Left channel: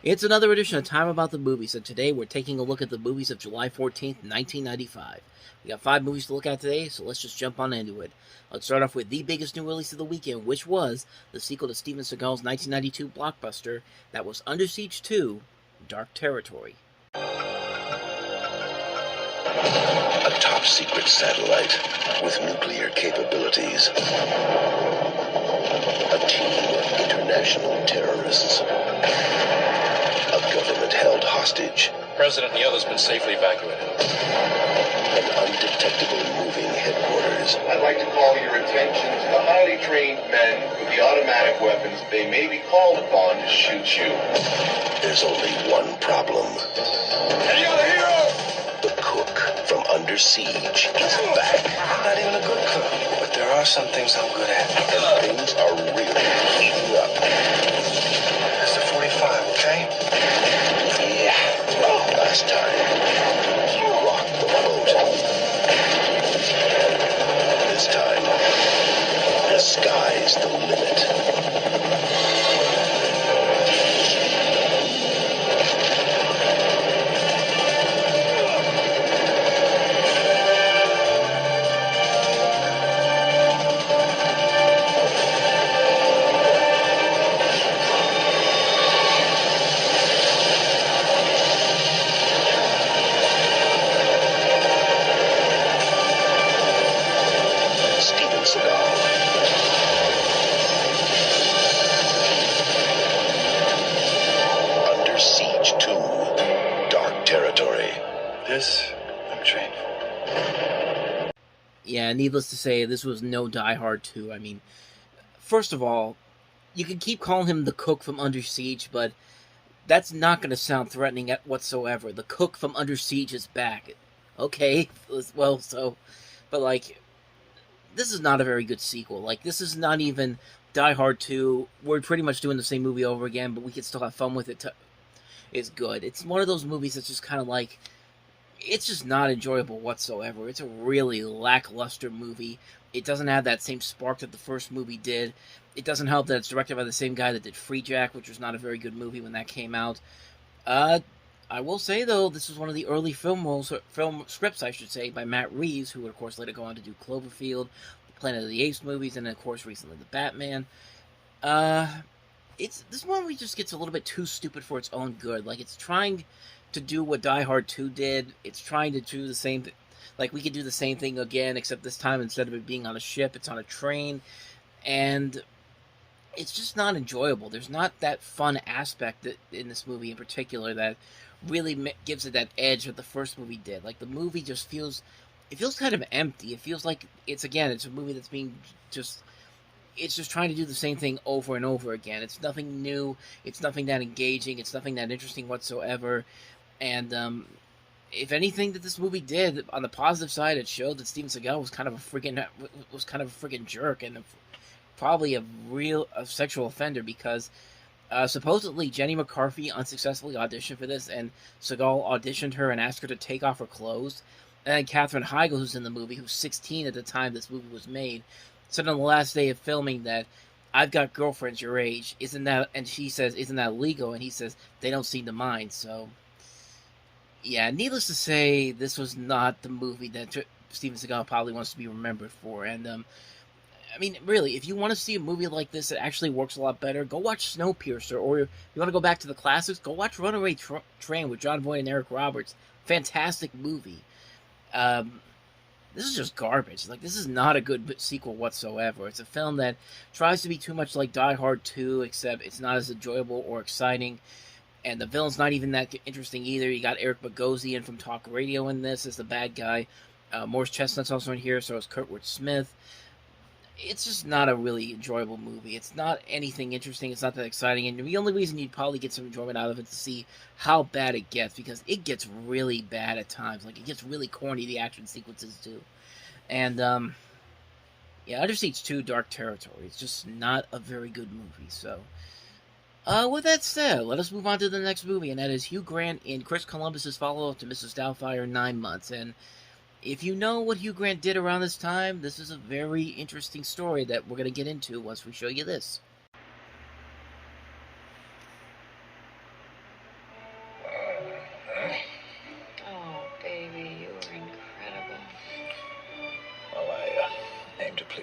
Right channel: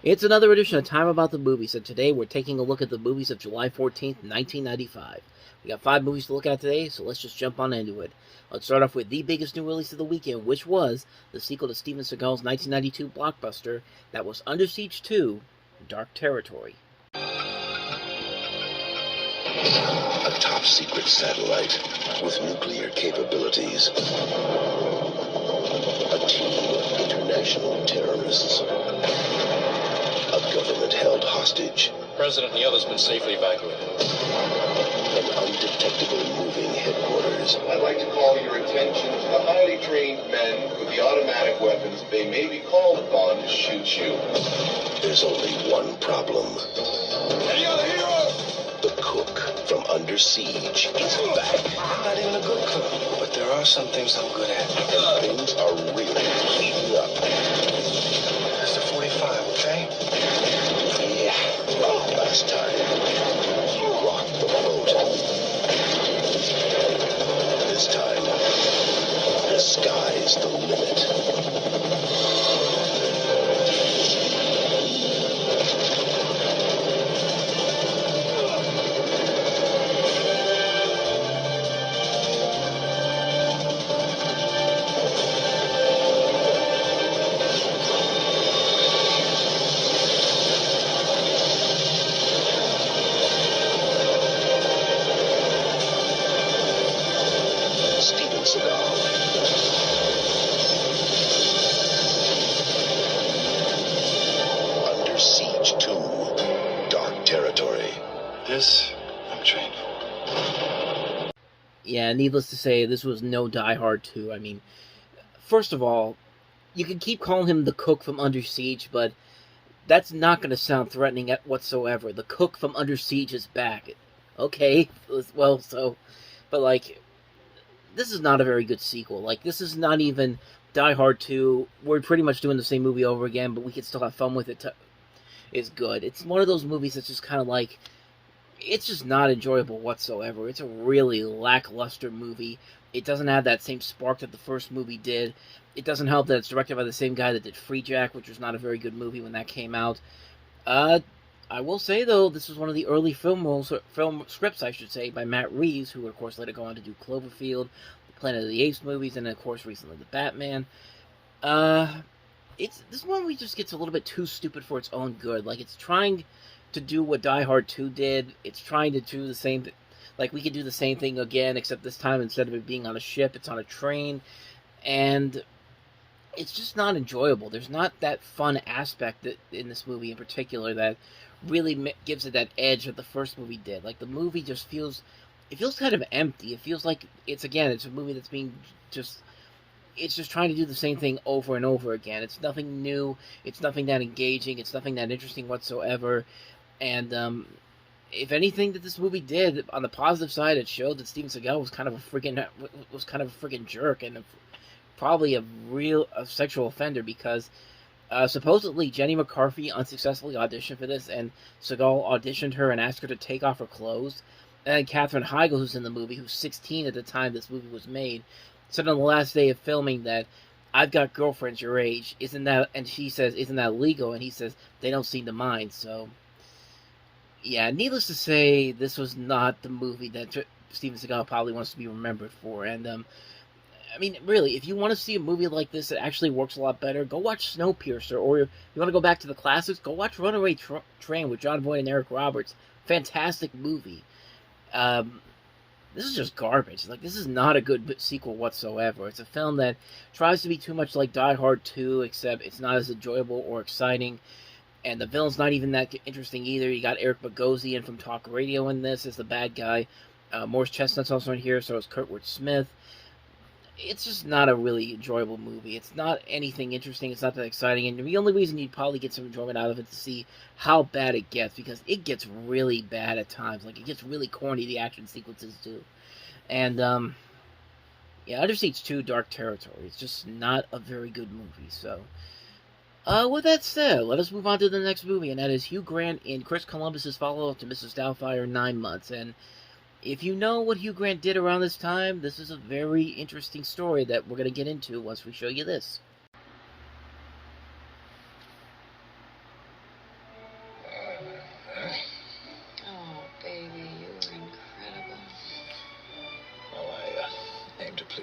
It's another edition of Time About the Movies, and today we're taking a look at the movies of July 14th, 1995. We got 5 movies to look at today, so let's just jump on into it. Let's start off with the biggest new release of the weekend, which was the sequel to Steven Seagal's 1992 blockbuster that was Under Siege 2, Dark Territory. A top-secret satellite with nuclear capabilities. A team of international terrorists. A government-held hostage. President and the others been safely evacuated. An undetectable moving headquarters. I'd like to call your attention to the highly trained men with the automatic weapons they may be called upon to shoot you. There's only one problem. Any other hero? The cook from Under Siege is back. I'm not even a good cook, but there are some things I'm good at. And things are really heating up. That's the 45, okay? Yeah. Last time, you rocked the boat. This time, the sky's the limit. Steven Seagal. Under Siege 2, Dark Territory. This, I'm trained for. Yeah, needless to say, this was no Die Hard 2. I mean, first of all, you can keep calling him the cook from Under Siege, but that's not going to sound threatening whatsoever. The cook from Under Siege is back. Okay, well, so, but like, this is not a very good sequel. Like, this is not even Die Hard 2. We're pretty much doing the same movie over again, but we can still have fun with it. It's good. It's one of those movies that's just kind of like, it's just not enjoyable whatsoever. It's a really lackluster movie. It doesn't have that same spark that the first movie did. It doesn't help that it's directed by the same guy that did Free Jack, which was not a very good movie when that came out. I will say, though, this was one of the early film scripts, I should say, by Matt Reeves, who would, of course, later go on to do Cloverfield, the Planet of the Apes movies, and, of course, recently the Batman. This movie just gets a little bit too stupid for its own good. Like, it's trying to do what Die Hard 2 did. It's trying to do the same like, we could do the same thing again, except this time, instead of it being on a ship, it's on a train. And it's just not enjoyable. There's not that fun aspect in this movie in particular that really gives it that edge that the first movie did. Like, the movie just feels kind of empty. It feels like it's a movie that's it's just trying to do the same thing over and over again. It's nothing new. It's nothing that engaging. It's nothing that interesting whatsoever. And if anything that this movie did, on the positive side, it showed that Steven Seagal was kind of a freaking jerk and probably a sexual offender, because supposedly Jenny McCarthy unsuccessfully auditioned for this, and Seagal auditioned her and asked her to take off her clothes. And then Katherine Heigl, who's in the movie, who's 16 at the time this movie was made, said on the last day of filming that, "I've got girlfriends your age, isn't that?" And she says, "Isn't that legal?" And he says, "They don't seem to mind." So, yeah, needless to say, this was not the movie that Steven Seagal probably wants to be remembered for. And I mean, really, if you want to see a movie like this that actually works a lot better, go watch Snowpiercer. Or if you want to go back to the classics, go watch Runaway Train with John Boyd and Eric Roberts. Fantastic movie. This is just garbage. Like, this is not a good sequel whatsoever. It's a film that tries to be too much like Die Hard 2, except it's not as enjoyable or exciting. And the villain's not even that interesting either. You got Eric Bogosian from Talk Radio in this as the bad guy. Morris Chestnut's also in here, so is Kurtwood Smith. It's just not a really enjoyable movie. It's not anything interesting. It's not that exciting. And the only reason you'd probably get some enjoyment out of it is to see how bad it gets, because it gets really bad at times. Like, it gets really corny, the action sequences do. And, yeah, Under Siege 2, Dark Territory. It's just not a very good movie. So, with that said, let us move on to the next movie, and that is Hugh Grant in Chris Columbus's follow-up to Mrs. Doubtfire, 9 Months. And if you know what Hugh Grant did around this time, this is a very interesting story that we're going to get into once we show you this.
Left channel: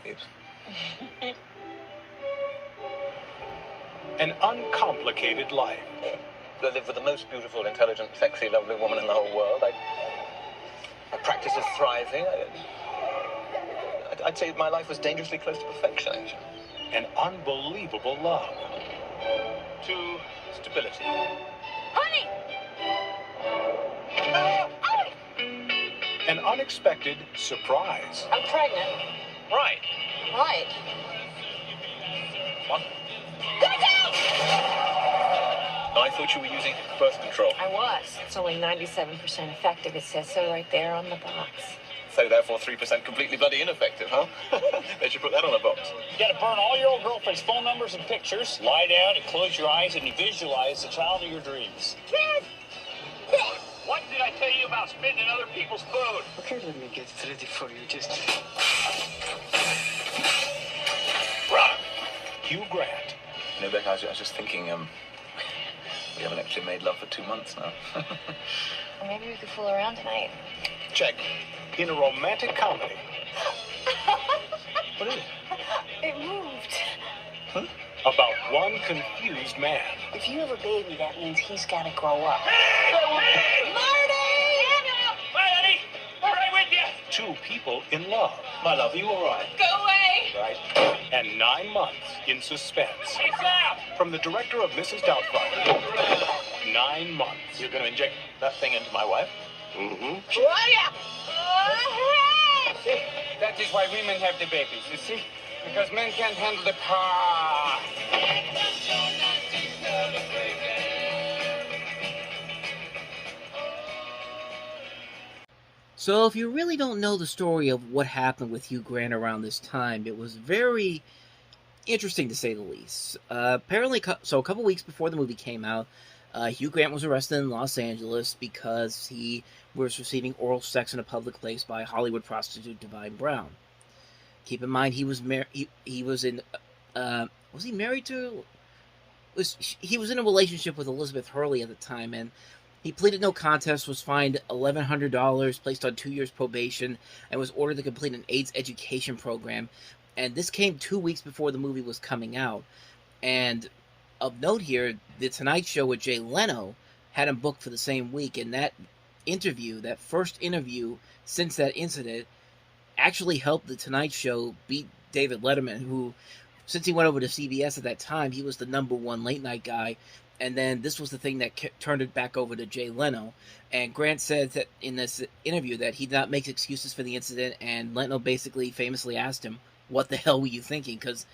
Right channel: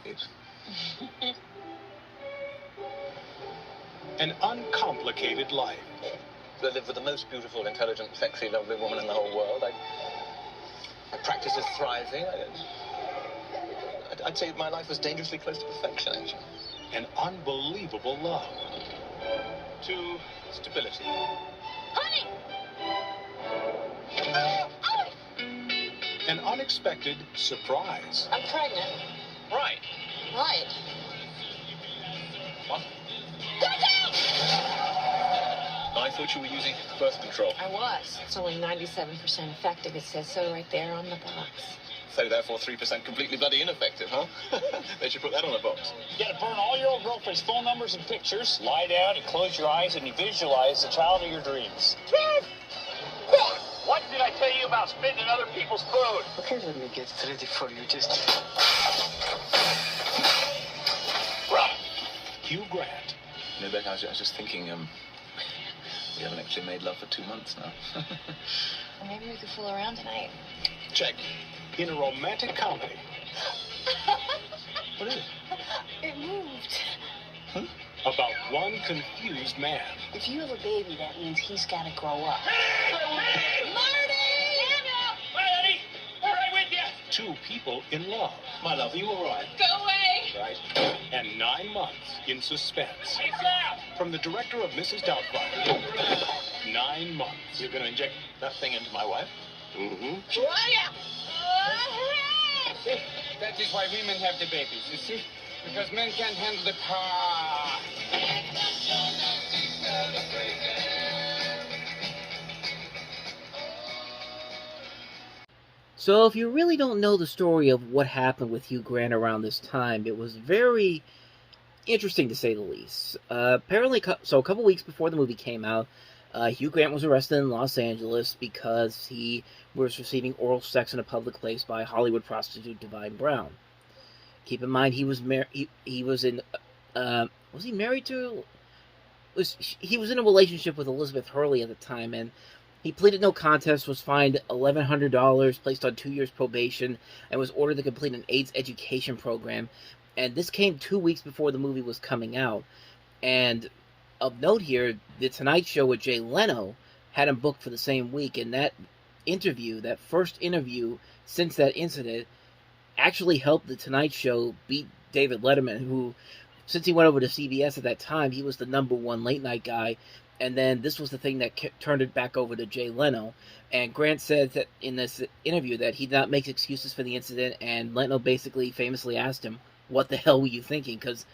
please. An uncomplicated life. I live with the most beautiful, intelligent, sexy, lovely woman in the whole world. My practice is thriving. I'd say my life was dangerously close to perfection, actually. An unbelievable love. To stability. Honey! An unexpected surprise. I'm pregnant. Right. Right. What? Look out! I thought you were using birth control. I was. It's only 97% effective. It says so right there on the box. So therefore 3% completely bloody ineffective, huh? They should put that on a box. You gotta burn all your old girlfriend's phone numbers and pictures, lie down and close your eyes, and you visualize the child of your dreams. What did I tell you about spitting other people's food? Okay, let me get ready for you. Just... Hugh Grant. No, Beck, I was just thinking, we haven't actually made love for 2 months now. Well, maybe we could fool around tonight. Check. In a romantic comedy. What is it? It moved. Huh? About one confused man. If you have a baby, that means he's got to grow up. Honey, all right with you? Two people in love. My love, are you all right? Go away! Right. And 9 months in suspense. Hey, Sal! From the director of Mrs. Doubtfire. 9 months. You're going to inject that thing into my wife? Mm-hmm. That is why women have the babies, you see? Because men can't handle the power. So if you really don't know the story of what happened with Hugh Grant around this time, it was very interesting to say the least. Apparently, so a couple weeks before the movie came out, Hugh Grant was arrested in Los Angeles because he was receiving oral sex in a public place by Hollywood prostitute Divine Brown. Keep in mind, he was he was in was he married to? He was in a relationship with Elizabeth Hurley at the time, and he pleaded no contest, was fined $1,100, placed on 2 years probation, and was ordered to complete an AIDS education program. And this came 2 weeks before the movie was coming out. And of note here, The Tonight Show with Jay Leno had him booked for the same week. And that interview, that first interview since that incident, actually helped The Tonight Show beat David Letterman, who, since he went over to CBS at that time, he was the #1 late night guy. And then this was the thing that turned it back over to Jay Leno. And Grant said that in this interview that he did not make excuses for the incident, and Leno basically famously asked him, what the hell were you thinking? Because,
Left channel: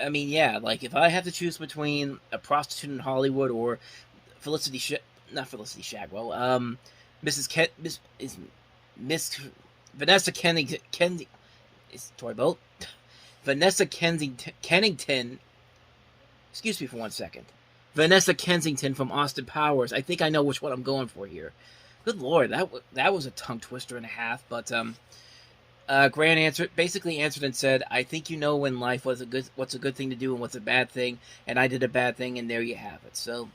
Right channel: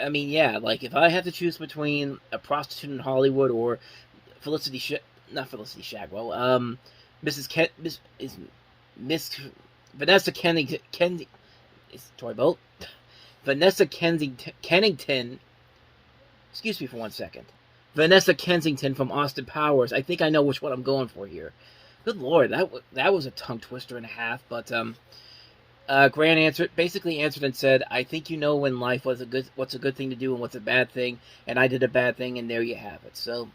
I mean, yeah, like, if I have to choose between a prostitute in Hollywood or not Felicity Shagwell, Vanessa Kennington, Vanessa Kennington, excuse me for 1 second. Vanessa Kensington from Austin Powers. I think I know which one I'm going for here. Good Lord, that was a tongue twister and a half. But Grant basically answered and said, "I think you know in life what's a good thing to do and what's a bad thing, and I did a bad thing, and there you have it." So,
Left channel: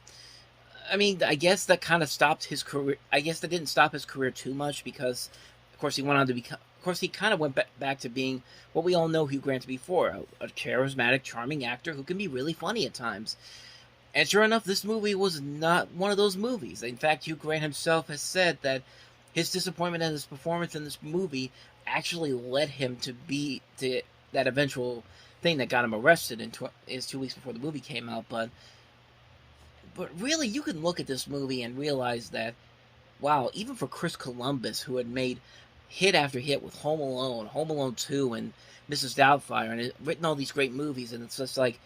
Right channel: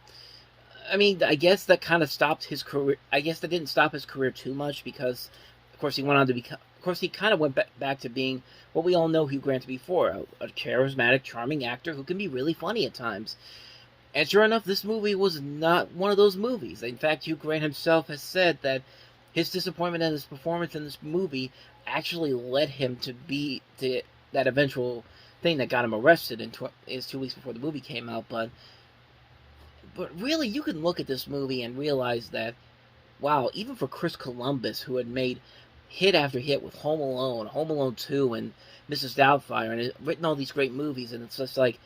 I mean, I guess that kind of stopped his career. I guess that didn't stop his career too much because, of course, he went on to become. Of course, he kind of went back to being what we all know Hugh Grant to be a charismatic, charming actor who can be really funny at times. And sure enough, this movie was not one of those movies. In fact, Hugh Grant himself has said that his disappointment at his performance in this movie actually led him to that eventual thing that got him arrested is 2 weeks before the movie came out. But really, you can look at this movie and realize that, wow, even for Chris Columbus, who had made hit after hit with Home Alone 2, and Mrs. Doubtfire, and written all these great movies, and it's just like,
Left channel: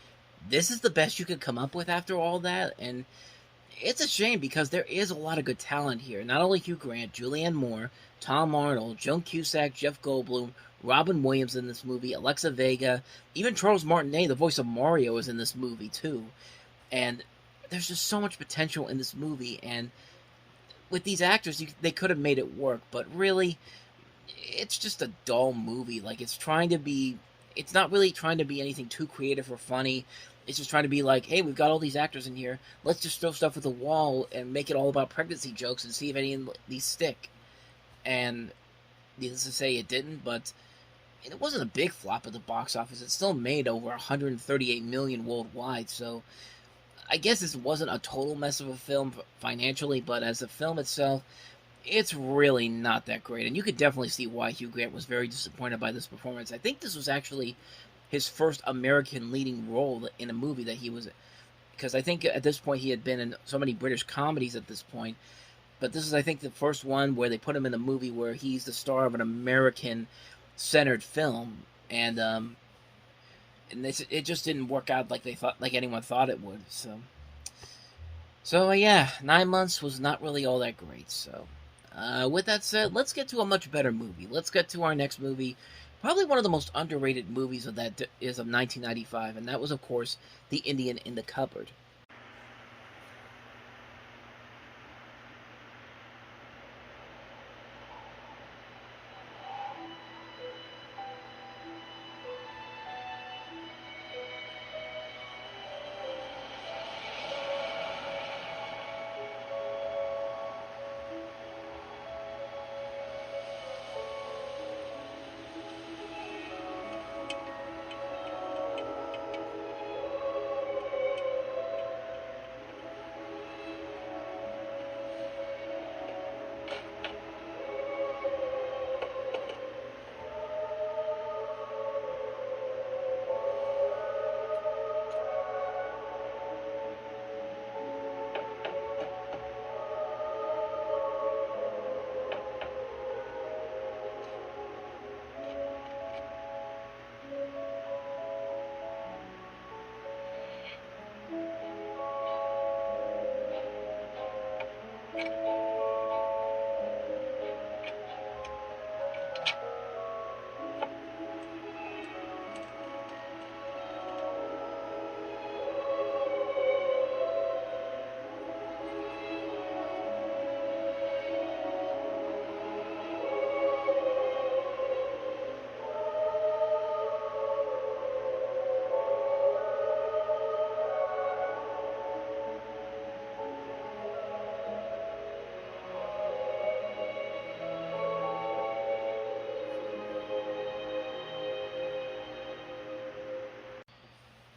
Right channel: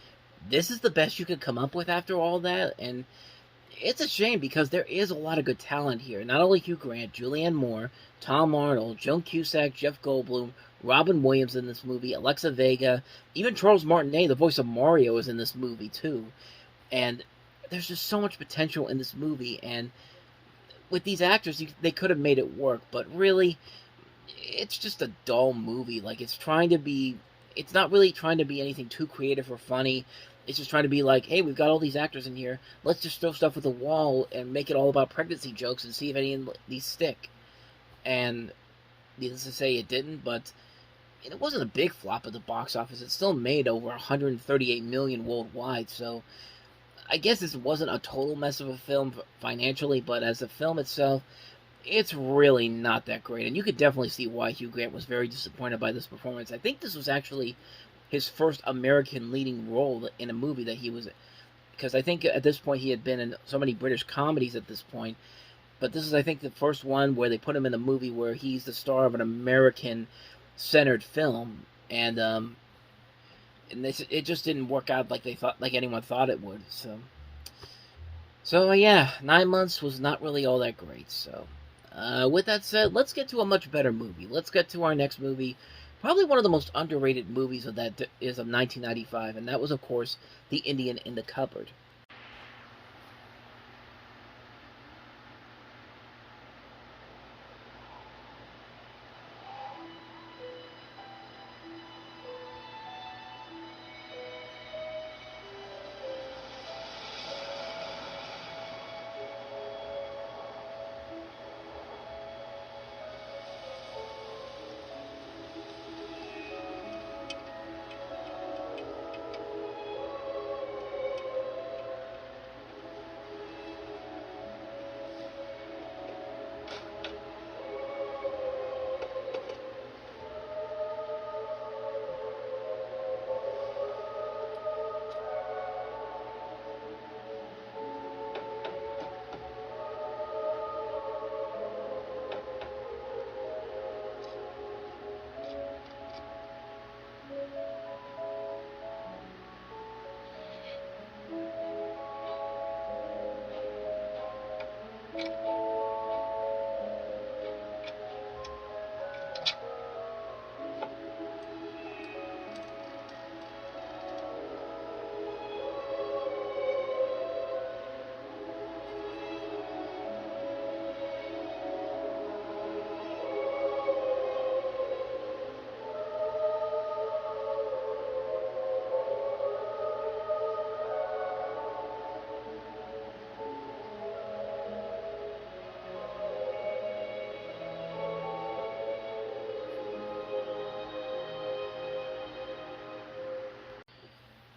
this is the best you could come up with after all that. And it's a shame because there is a lot of good talent here. Not only Hugh Grant, Julianne Moore, Tom Arnold, Joan Cusack, Jeff Goldblum, Robin Williams in this movie, Alexa Vega, even Charles Martinet, the voice of Mario, is in this movie too. And there's just so much potential in this movie, and with these actors, they could have made it work, but really, it's just a dull movie. Like, it's not really trying to be anything too creative or funny. It's just trying to be like, hey, we've got all these actors in here, let's just throw stuff at the wall and make it all about pregnancy jokes and see if any of these stick. And needless to say, it didn't, but And it wasn't a big flop at the box office. It still made over 138 million worldwide. So I guess this wasn't a total mess of a film financially, but as a film itself, it's really not that great. And you could definitely see why Hugh Grant was very disappointed by this performance. I think this was actually his first American leading role in a movie that he was, because I think at this point he had been in so many British comedies at this point, but this is, I think, the first one where they put him in a movie where he's the star of an American-centered film, and it just didn't work out like anyone thought it would. So yeah, 9 months was not really all that great. So with that said, let's get to a much better movie. Let's get to our next movie. Probably one of the most underrated movies of 1995, and that was, of course, The Indian in the Cupboard.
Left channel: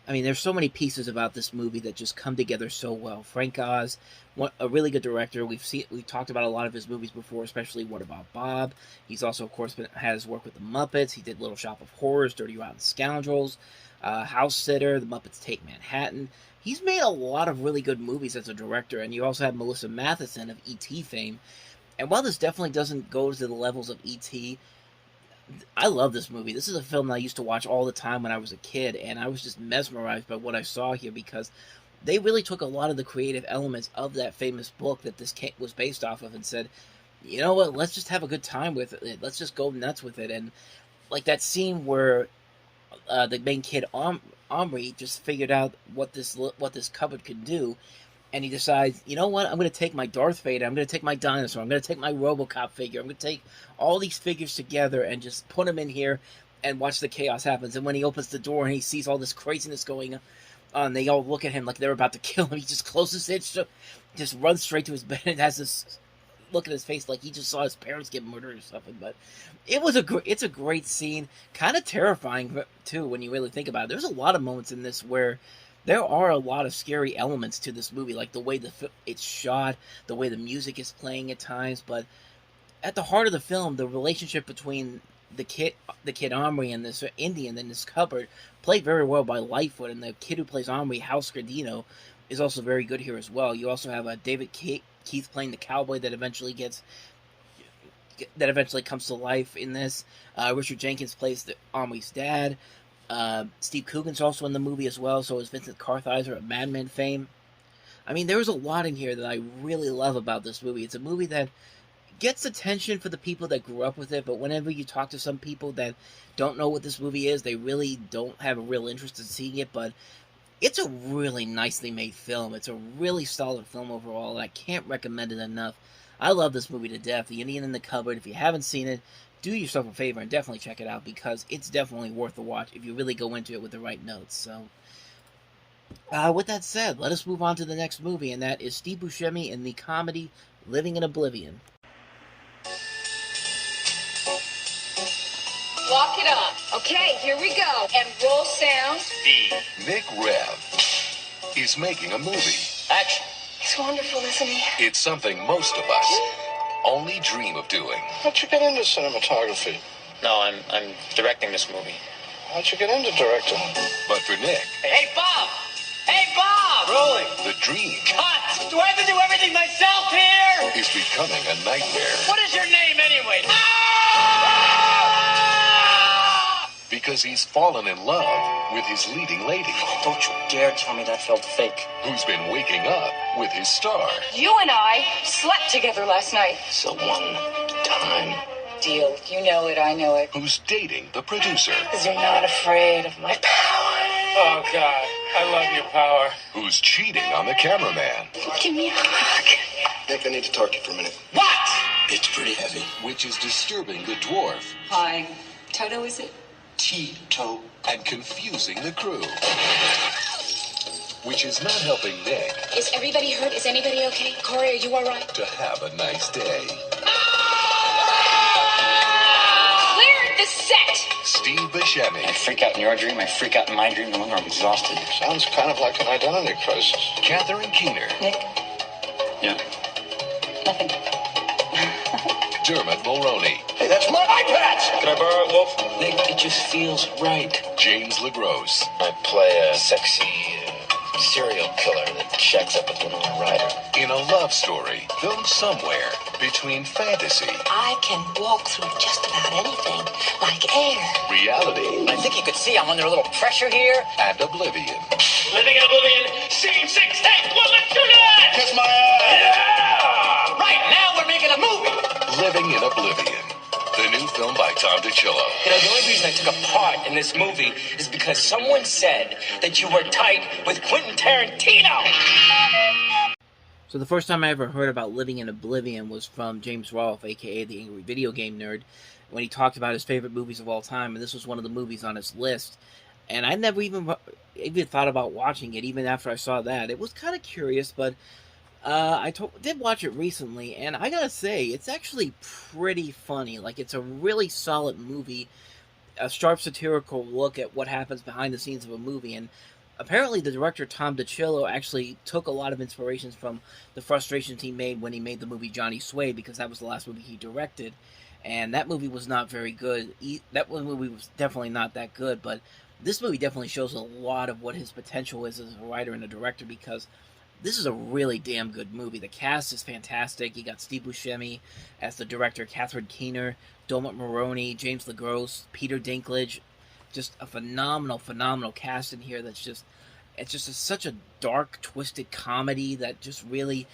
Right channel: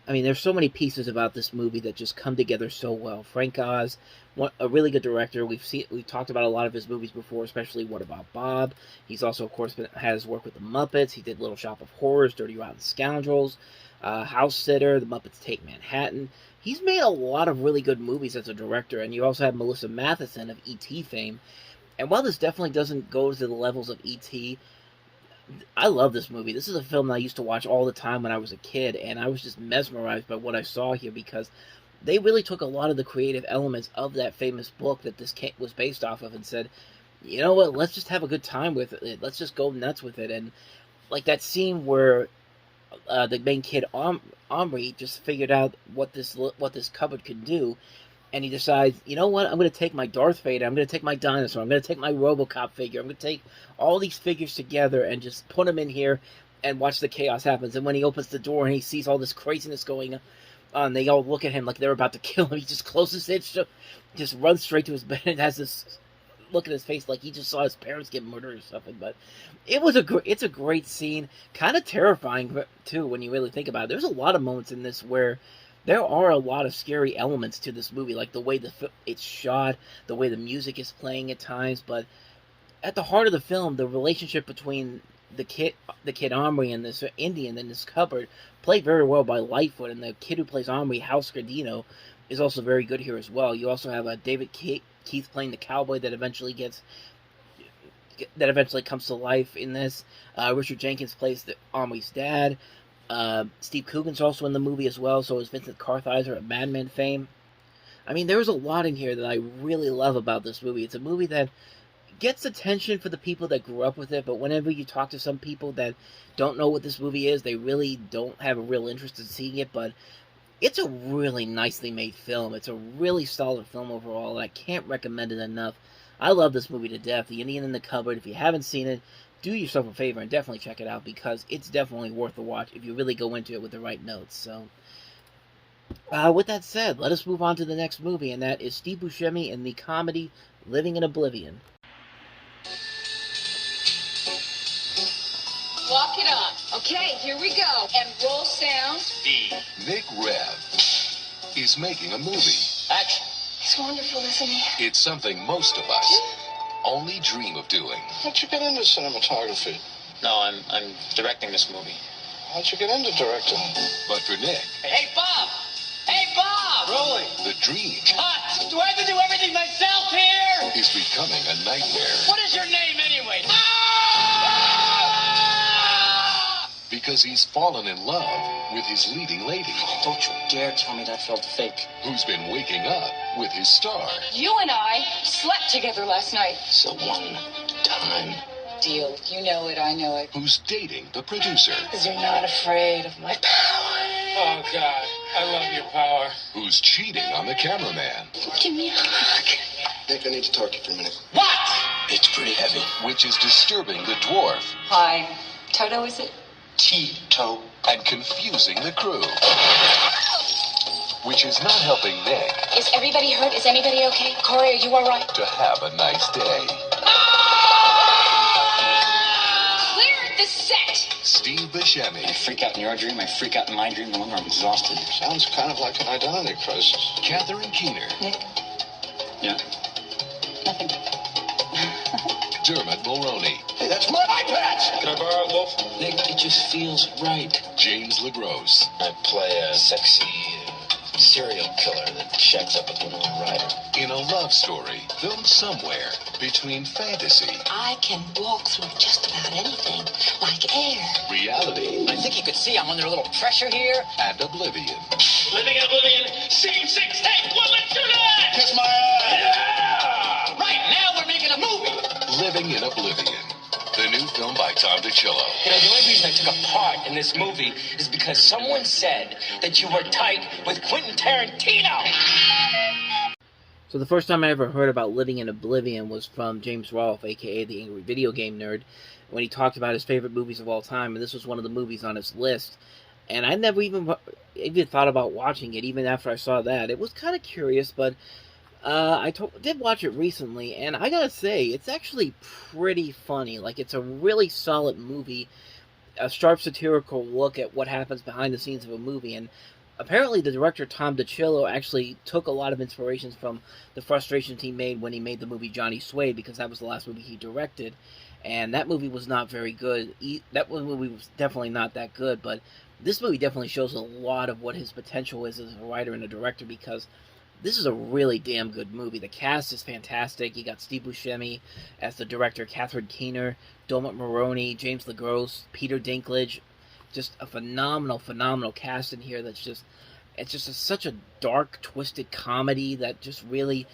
I mean, there's so many pieces about this movie that just come together so well. Frank Oz, a really good director. We talked about a lot of his movies before, especially What About Bob. He's also, of course, has work with the Muppets. He did Little Shop of Horrors, Dirty Rotten Scoundrels, House Sitter, The Muppets Take Manhattan. He's made a lot of really good movies as a director, and you also have Melissa Mathison of E.T. fame. And while this definitely doesn't go to the levels of E.T., I love this movie. This is a film that I used to watch all the time when I was a kid, and I was just mesmerized by what I saw here because they really took a lot of the creative elements of that famous book that this was based off of and said, you know what, let's just have a good time with it. Let's just go nuts with it. And like that scene where the main kid, Omri, just figured out what this cupboard could do, and he decides, you know what, I'm going to take my Darth Vader, I'm going to take my dinosaur, I'm going to take my RoboCop figure, I'm going to take all these figures together and just put them in here and watch the chaos happens. And when he opens the door and he sees all this craziness going on, they all look at him like they're about to kill him. He just closes it, just runs straight to his bed and has this look at his face like he just saw his parents get murdered or something. But it's a great scene, kind of terrifying too when you really think about it. There's a lot of moments in this where there are a lot of scary elements to this movie, like the way it's shot, the way the music is playing at times. But at the heart of the film, the relationship between the kid Omri and this Indian in this cupboard, played very well by Lightfoot, and the kid who plays Omri, House Scardino, is also very good here as well. You also have David Keith playing the cowboy that eventually comes to life in this. Richard Jenkins plays Omri's dad. Steve Coogan's also in the movie as well, so is Vincent Kartheiser of Mad Men fame. I mean, there's a lot in here that I really love about this movie. It's a movie that gets attention for the people that grew up with it, but whenever you talk to some people that don't know what this movie is, they really don't have a real interest in seeing it. But it's a really nicely made film. It's a really solid film overall, and I can't recommend it enough. I love this movie to death. The Indian in the Cupboard. If you haven't seen it, do yourself a favor and definitely check it out, because it's definitely worth a watch if you really go into it with the right notes. So, with that said, let us move on to the next movie, and that is Steve Buscemi in the comedy Living in Oblivion. Walk it on. Okay, here we go. And roll sound. Nick Rev is making a movie. Action. He's wonderful, isn't he? It's something most of us only dream of doing. How'd you get into cinematography? No, I'm directing this movie. How'd you get into directing? But for Nick, Hey, Bob! Hey, Bob! Rolling. the dream Cut! Do I have to do everything myself here? is becoming a nightmare. What is your name anyway? Because he's fallen in love with his leading lady, Don't you dare tell me that felt fake. who's been waking up with his star. You and I slept together last night. So one time, Deal. You know it, I know it. who's dating the producer, Because you're not afraid of my power. Oh, God. I love your power. who's cheating on the cameraman, Give me a hug. Nick, I need to talk to you for a minute. What? It's pretty heavy. which is disturbing the dwarf Hi. Toto, is it? Tito. and confusing the crew, which is not helping Nick Is everybody hurt? Is anybody okay? Corey, are you all right? to have a nice day. Clear the set. Steve Buscemi, I freak out in your dream, I freak out in my dream the longer I'm exhausted. Sounds kind of like an identity crisis. Catherine Keener, Nick, Yeah. nothing. Dermot Mulroney, Hey, that's my iPad! Can I borrow it, Wolf? Nick, it just feels right. James LaGrosse, I play a sexy serial killer that shacks up with Winona Ryder. in a love story filmed somewhere between fantasy, I can walk through just about anything, like air. reality, I think you could see I'm under a little pressure here. and oblivion. Living in Oblivion, scene 6, take 1, let's do that! Kiss my ass! Right, now we're making a movie. Living in Oblivion, the new film by Tom DiCillo. You know, the only reason I took a part in this movie is because someone said that you were tight with Quentin Tarantino. So the first time I ever heard about Living in Oblivion was from James Rolfe, aka the Angry Video Game Nerd, when he talked about his favorite movies of all time, and this was one of the movies on his list. And I never even thought about watching it, even after I saw that. It was kind of curious, but did watch it recently, and I gotta say, it's actually pretty funny. Like, it's a really solid movie, a sharp satirical look at what happens behind the scenes of a movie, and apparently the director Tom DiCillo actually took a lot of inspirations from the frustrations he made when he made the movie Johnny Suede, because that was the last movie he directed, and that movie was not very good. That movie was definitely not that good, but this movie definitely shows a lot of what his potential is as a writer and a director, because this is a really damn good movie. The cast is fantastic. You got Steve Buscemi as the director, Catherine Keener, Dermot Mulroney, James LaGrosse, Peter Dinklage. Just a phenomenal cast in here. Such a dark, twisted comedy that just really,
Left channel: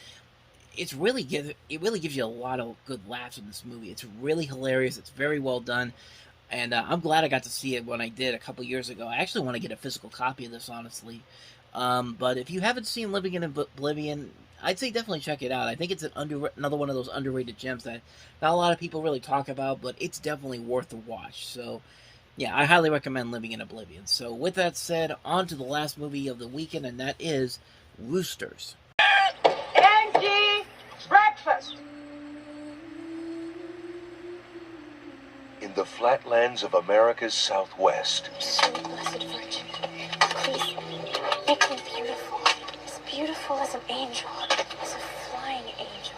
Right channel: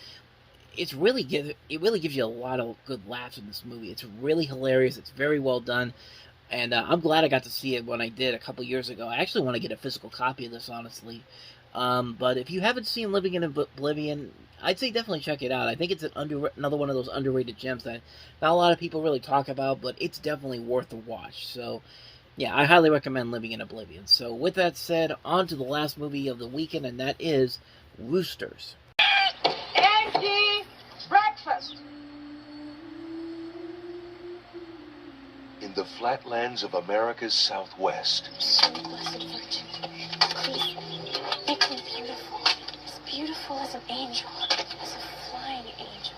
it really gives you a lot of good laughs in this movie. It's really hilarious. It's very well done. And I'm glad I got to see it when I did a couple years ago. I actually want to get a physical copy of this, honestly. But if you haven't seen Living in Oblivion, I'd say definitely check it out. I think it's another one of those underrated gems that not a lot of people really talk about, but it's definitely worth a watch. So, yeah, I highly recommend Living in Oblivion. So, with that said, on to the last movie of the weekend, and that is Roosters. Angie, breakfast! In the flatlands of America's Southwest, So blessed Virgin, please make me beautiful. As beautiful as an angel, as a flying angel.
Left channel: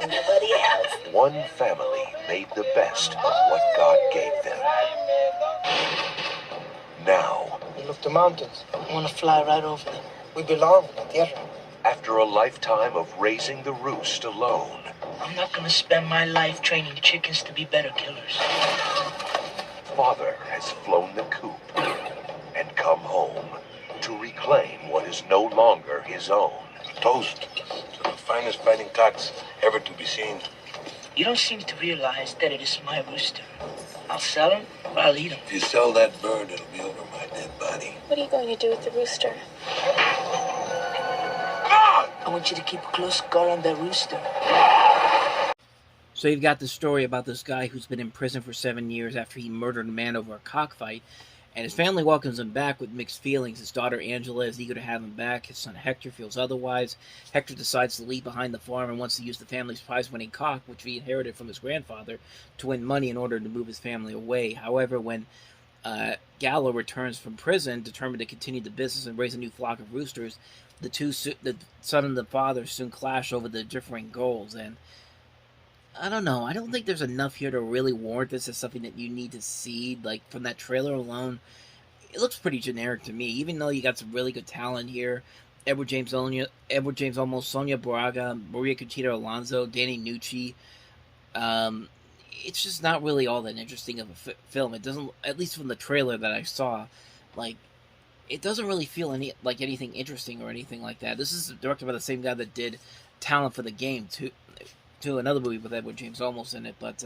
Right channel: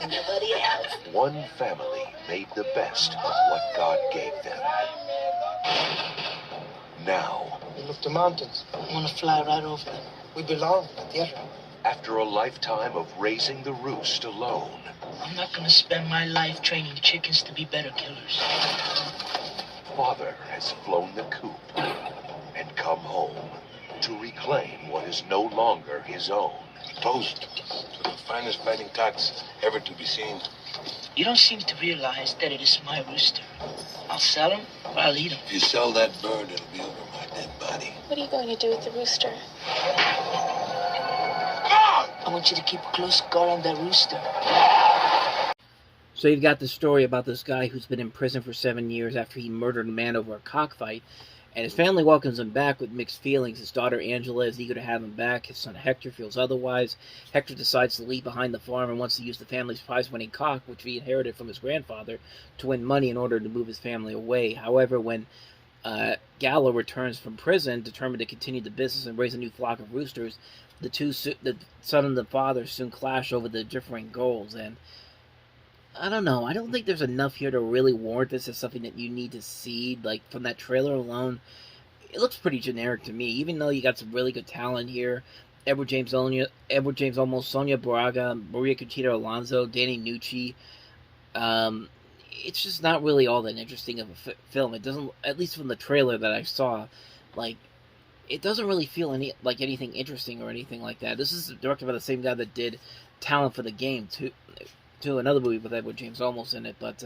Nobody else. one family made the best of what God gave them. Now, Look, the mountains. I want to fly right over them. We belong in the theater. after a lifetime of raising the roost alone, I'm not gonna spend my life training chickens to be better killers. Father has flown the coop and come home to reclaim what is no longer his own. Toast to the finest fighting cocks ever to be seen. You don't seem to realize that it is my rooster. I'll sell him or I'll eat him. If you sell that bird, it'll be over my dead body. What are you going to do with the rooster? I want you to keep a close guard on that rooster. So you've got the story about this guy who's been in prison for 7 years after he murdered a man over a cockfight. And his family welcomes him back with mixed feelings. His daughter Angela is eager to have him back. His son Hector feels otherwise. Hector decides to leave behind the farm and wants to use the family's prize-winning cock, which he inherited from his grandfather, to win money in order to move his family away. However, when Gallo returns from prison, determined to continue the business and raise a new flock of roosters, the son and the father soon clash over the differing goals. And I don't know. I don't think there's enough here to really warrant this as something that you need to see. Like, from that trailer alone, it looks pretty generic to me. Even though you got some really good talent here, Edward James Olmos, Sonia Braga, Maria Conchita Alonso, Danny Nucci. It's just not really all that interesting of a film. It doesn't, at least from the trailer that I saw, like, it doesn't really feel like anything interesting or anything like that. This is directed by the same guy that did Talent for the Game, too, another movie with Edward James Olmos in it. But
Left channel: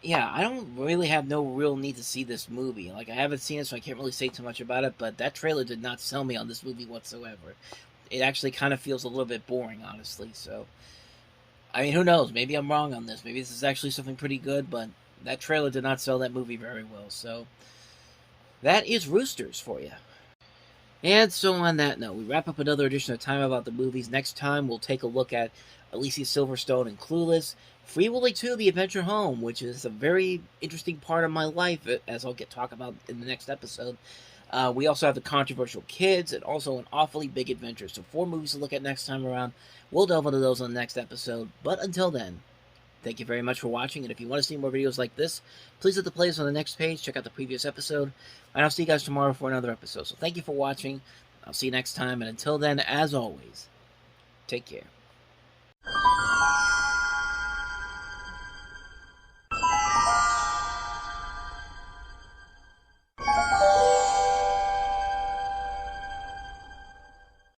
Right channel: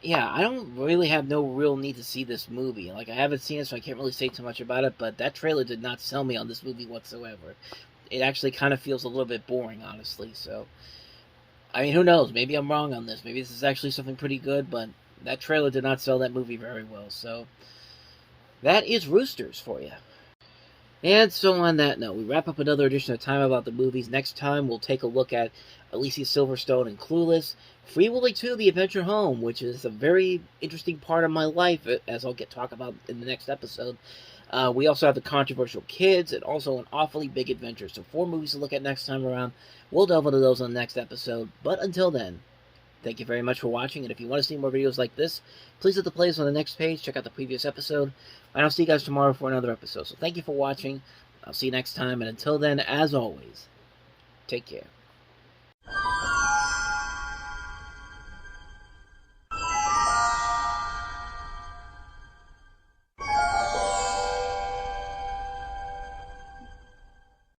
yeah, I don't really have no real need to see this movie. Like, I haven't seen it, so I can't really say too much about it. But that trailer did not sell me on this movie whatsoever. It actually kind of feels a little bit boring, honestly. So, I mean, who knows? Maybe I'm wrong on this. Maybe this is actually something pretty good. But that trailer did not sell that movie very well. So, that is Roosters for you. And so on that note, we wrap up another edition of Time About the Movies. Next time, we'll take a look at Alicia Silverstone and Clueless, Free Willy 2, The Adventure Home, which is a very interesting part of my life, as I'll talk about in the next episode. We also have The Controversial Kids, and also An Awfully Big Adventure. So 4 movies to look at next time around. We'll delve into those on the next episode. But until then, thank you very much for watching, and if you want to see more videos like this, please hit the playlist on the next page, check out the previous episode, and I'll see you guys tomorrow for another episode. So thank you for watching, I'll see you next time, and until then, as always, take care.